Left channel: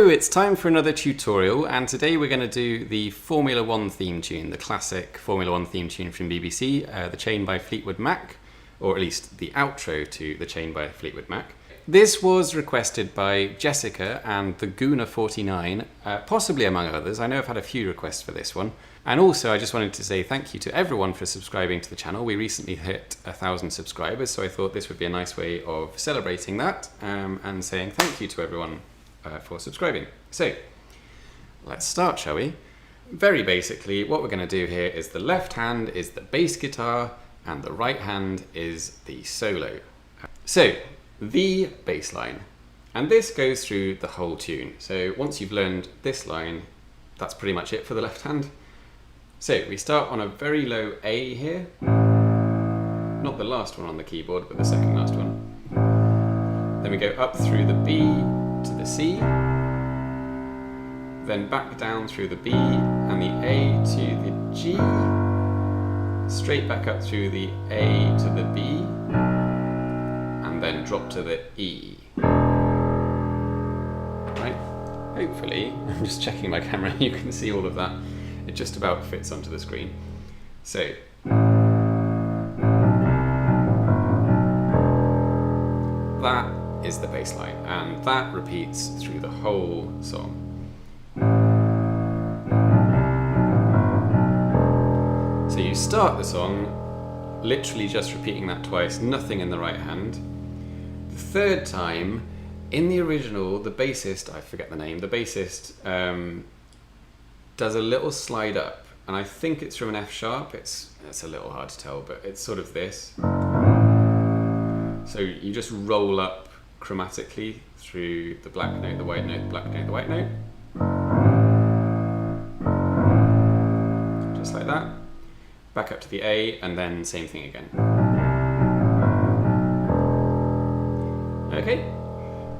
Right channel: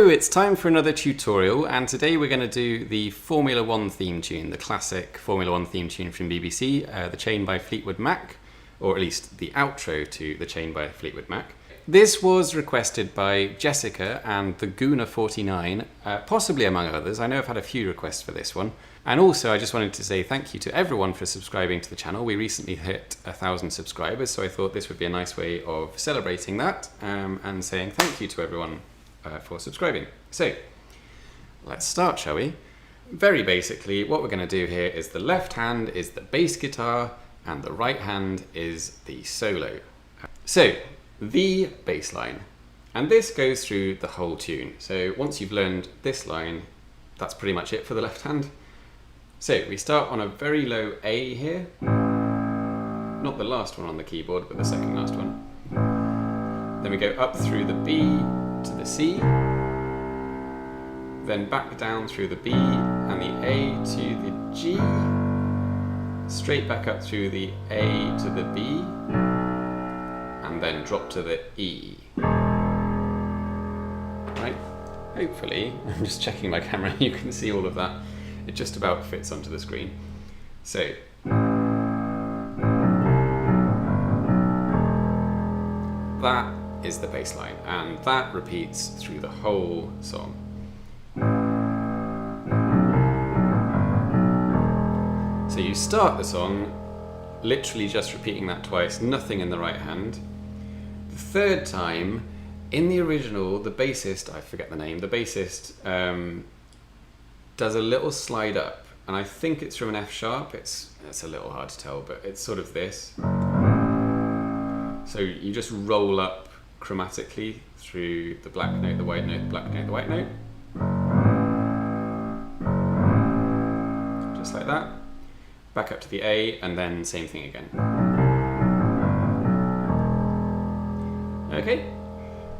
Hello, it's time for another tutorial, and today we're going to do the Formula 1 theme tune, the classic Formula 1 theme tune from BBC, The Chain by Fleetwood Mac, or at least the outro to The Chain by Fleetwood Mac. This was requested by Jessica and the Guna49, possibly among others. I know I've had a few requests for this one. And also I just wanted to say thank you to everyone for subscribing to the channel. We recently hit 1,000 subscribers, so I thought this would be a nice way of celebrating that and saying thank you to everyone for subscribing. So let's start, shall we? Very basically, what we're going to do here is the left hand is the bass guitar and the right hand is the solo. So the bass line, and this goes through the whole tune. So once you've learned this line, that's pretty much it for the left hand. So we start on a very low A here, not the last one on the keyboard, but the second last one. Then we go up through the B to the C, then back down through the B and the A to the G, straight back up through the A to the B, and then drop to the E. Right? Hopefully, I'm just checking my camera, you can see all of that. It just about fits onto the screen. So, that is the bass line, and that repeats through the whole song. So you start the song literally just repeating that twice, nothing in the right hand. The third time, in the original, the bassist, I forget the name, the bassist does a little slide up, and I think it's from an F sharp. It's a little hard to tell, but it's sort of this. So you just roll up chromatically through the black note, the white note, the black note, the white note. Just like that. Back up to the A, and then same thing again. Okay.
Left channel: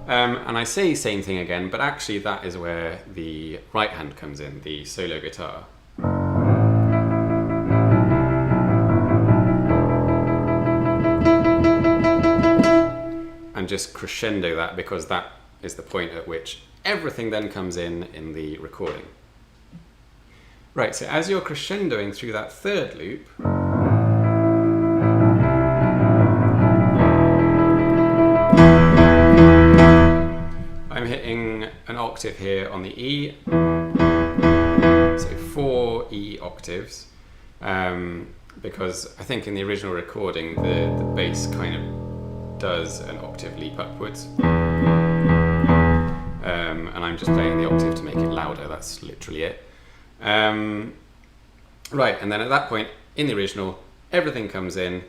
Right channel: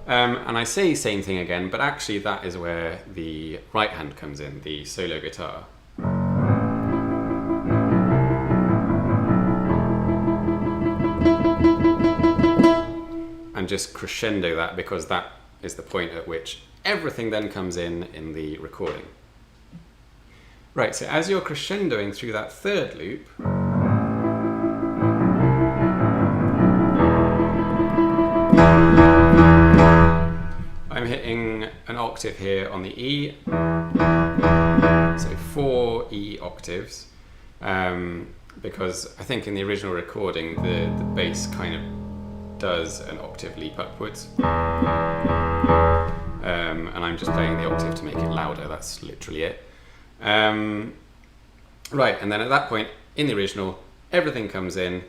And I say same thing again, but actually that is where the right hand comes in, the solo guitar. And just crescendo that, because that is the point at which everything then comes in the recording. Right, so as you're crescendoing through that third loop, I'm hitting an octave here on the E, so 4 E octaves, because I think in the original recording the bass kind of does an octave leap upwards, and I'm just playing the octave to make it louder, that's literally it. Right, and then at that point, in the original, everything comes in.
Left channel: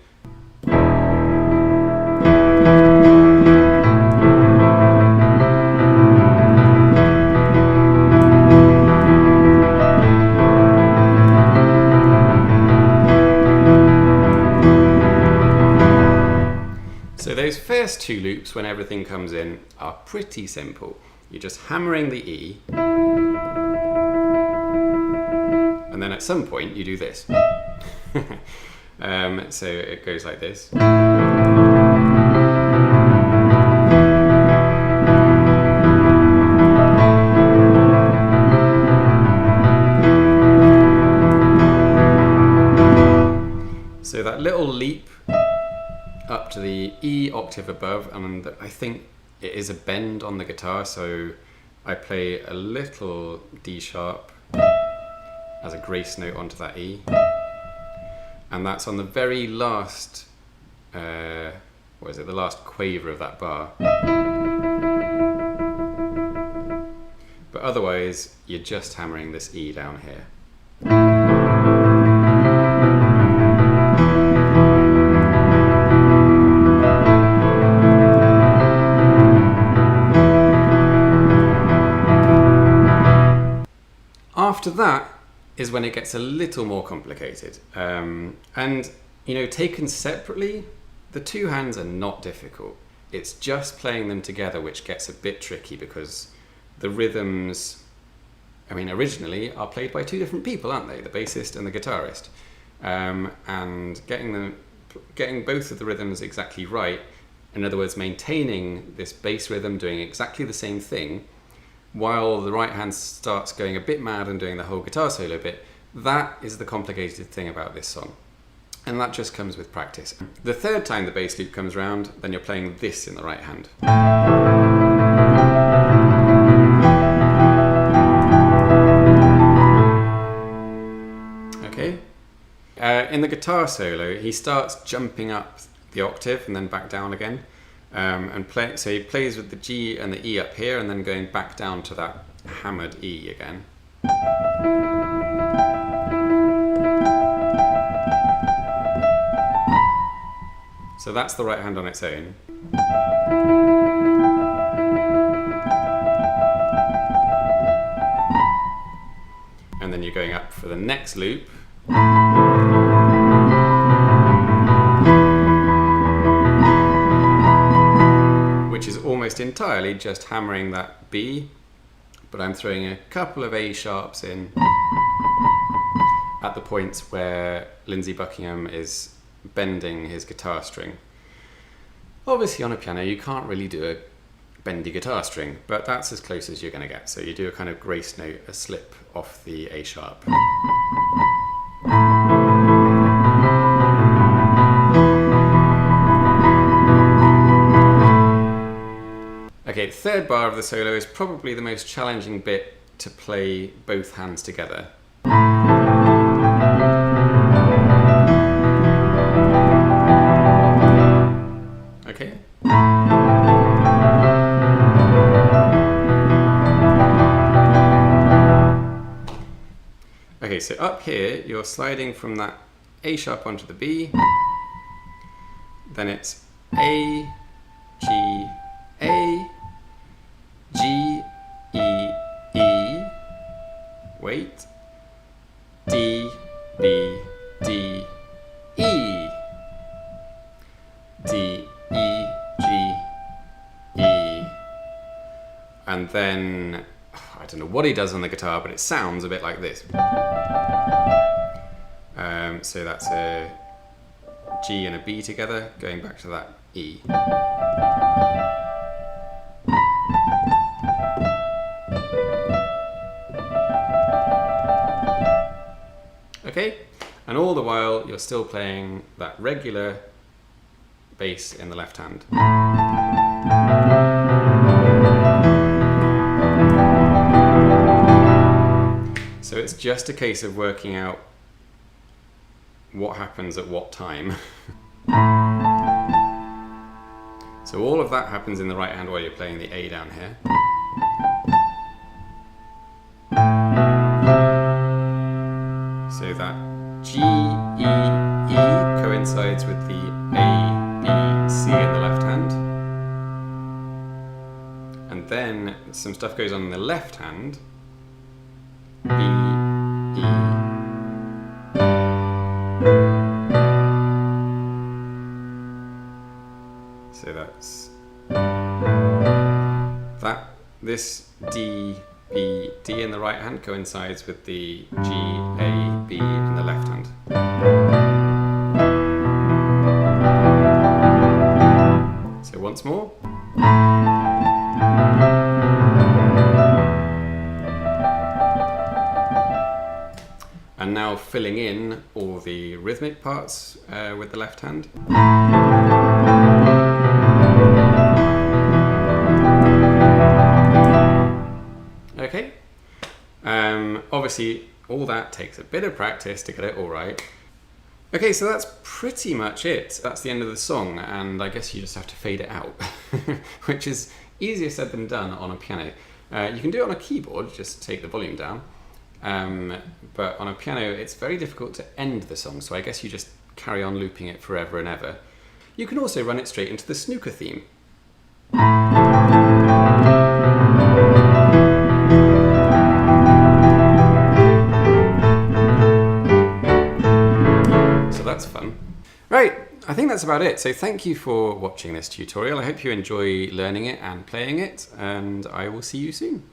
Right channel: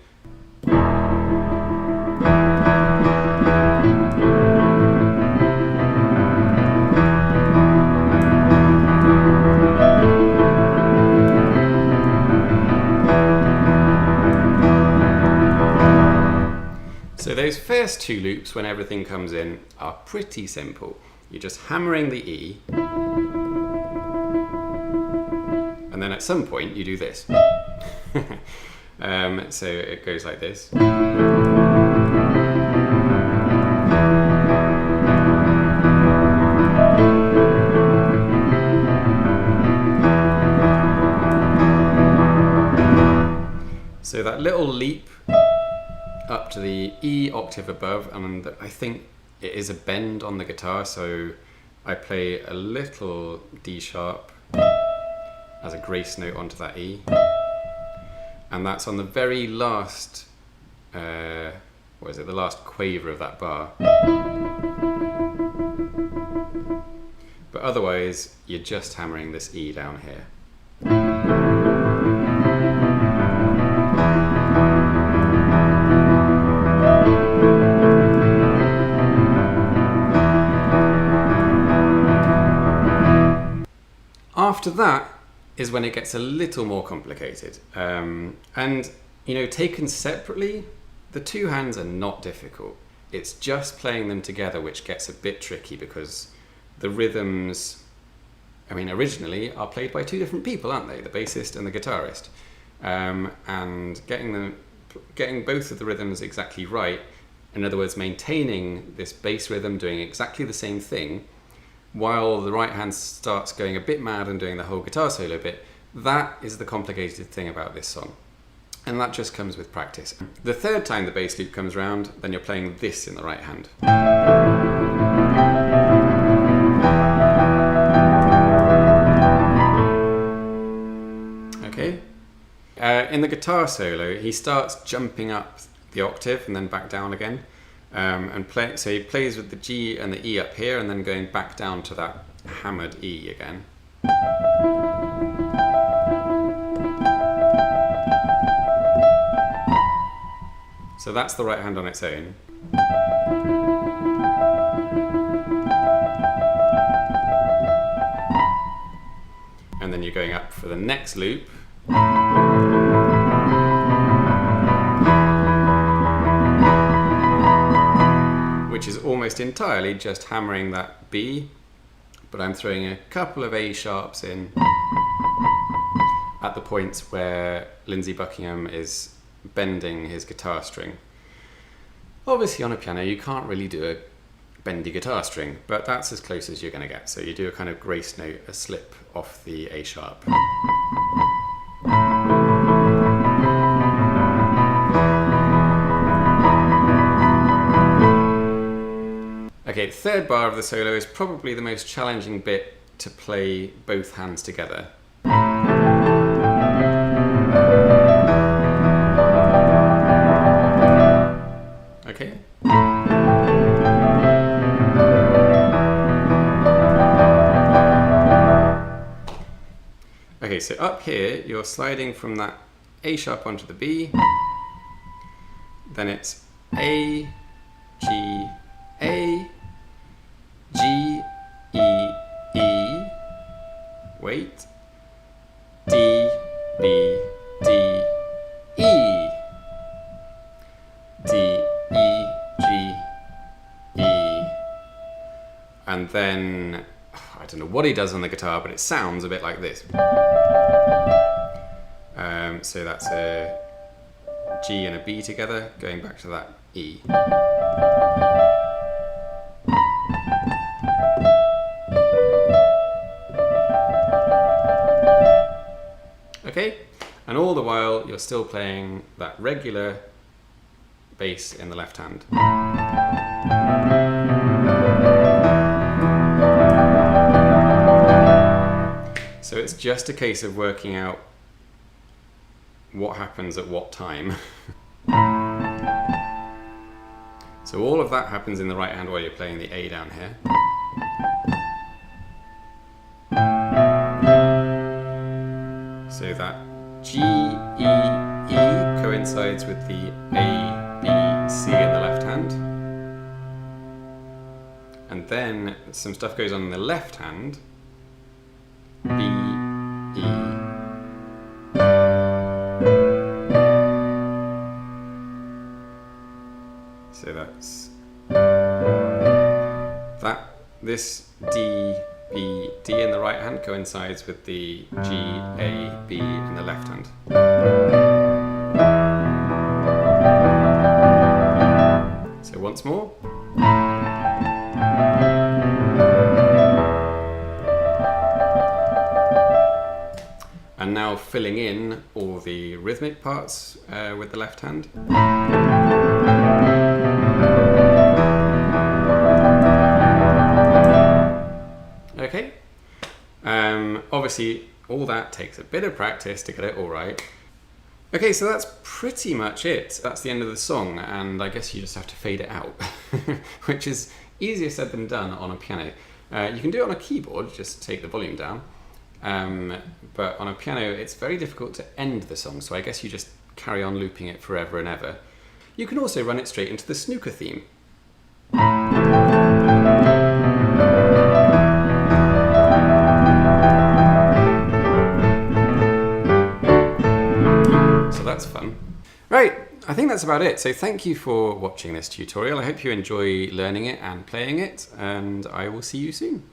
So those first two loops, when everything comes in, are pretty simple. You're just hammering the E, and then at some point you do this. So it goes like this. So that little leap up to the E octave above, and I think it is a bend on the guitar, so I play a little D sharp as a grace note onto that E, and that's on the very last, the last quaver of that bar. But otherwise, you're just hammering this E down here. After that is when it gets a little more complicated. And, you know, taken separately, the two hands are not difficult. It's just playing them together which gets a bit tricky, because the rhythms, I mean, originally are played by two different people, aren't they? The bassist and the guitarist. And getting both of the rhythms exactly right, in other words, maintaining this bass rhythm doing exactly the same thing, while the right hand starts going a bit mad and doing the whole guitar solo bit. That is the complicated thing about this song. And that just comes with practice. The third time the bass loop comes around, then you're playing this in the right hand. Okay? In the guitar solo, he starts jumping up the octave and then back down again. So he plays with the G and the E up here and then going back down to that hammered E again. So that's the right hand on its own. And then you're going up for the next loop. Which is almost entirely just hammering that B, but I'm throwing a couple of A sharps in at the points where Lindsey Buckingham is bending his guitar string. Obviously on a piano you can't really do a bendy guitar string, but that's as close as you're going to get. So you do a kind of grace note, a slip off the A sharp. Okay, the third bar of the solo is probably the most challenging bit to play both hands together. Okay. Okay, so up here you're sliding from that A sharp onto the B, then it's A, G, A, G, E, E, wait, D, B, D, E, D, E, G, E, and then, I don't know what he does on the guitar, but it sounds a bit like this. So that's a G and a B together, going back to that E. Okay, and all the while you're still playing that regular bass in the left hand. So it's just a case of working out what happens at what time. So all of that happens in the right hand while you're playing the A down here. So that G, E, E coincides with the A, B, C in the left hand. And then some stuff goes on in the left hand. B, E. So that's that. This D, B, D in the right hand coincides with the G, A, B in the left hand. So once more. And now filling in all the rhythmic parts with the left hand. Okay. Obviously, all that takes a bit of practice to get it all right. Okay, so that's pretty much it. That's the end of the song, and I guess you just have to fade it out, which is easier said than done on a piano. You can do it on a keyboard, just take the volume down. But on a piano, it's very difficult to end the song, so I guess you just carry on looping it forever and ever. You can also run it straight into the snooker theme. So that's fun. Right, I think that's about it. So thank you for watching this tutorial. I hope you enjoy learning it and playing it, and I will see you soon.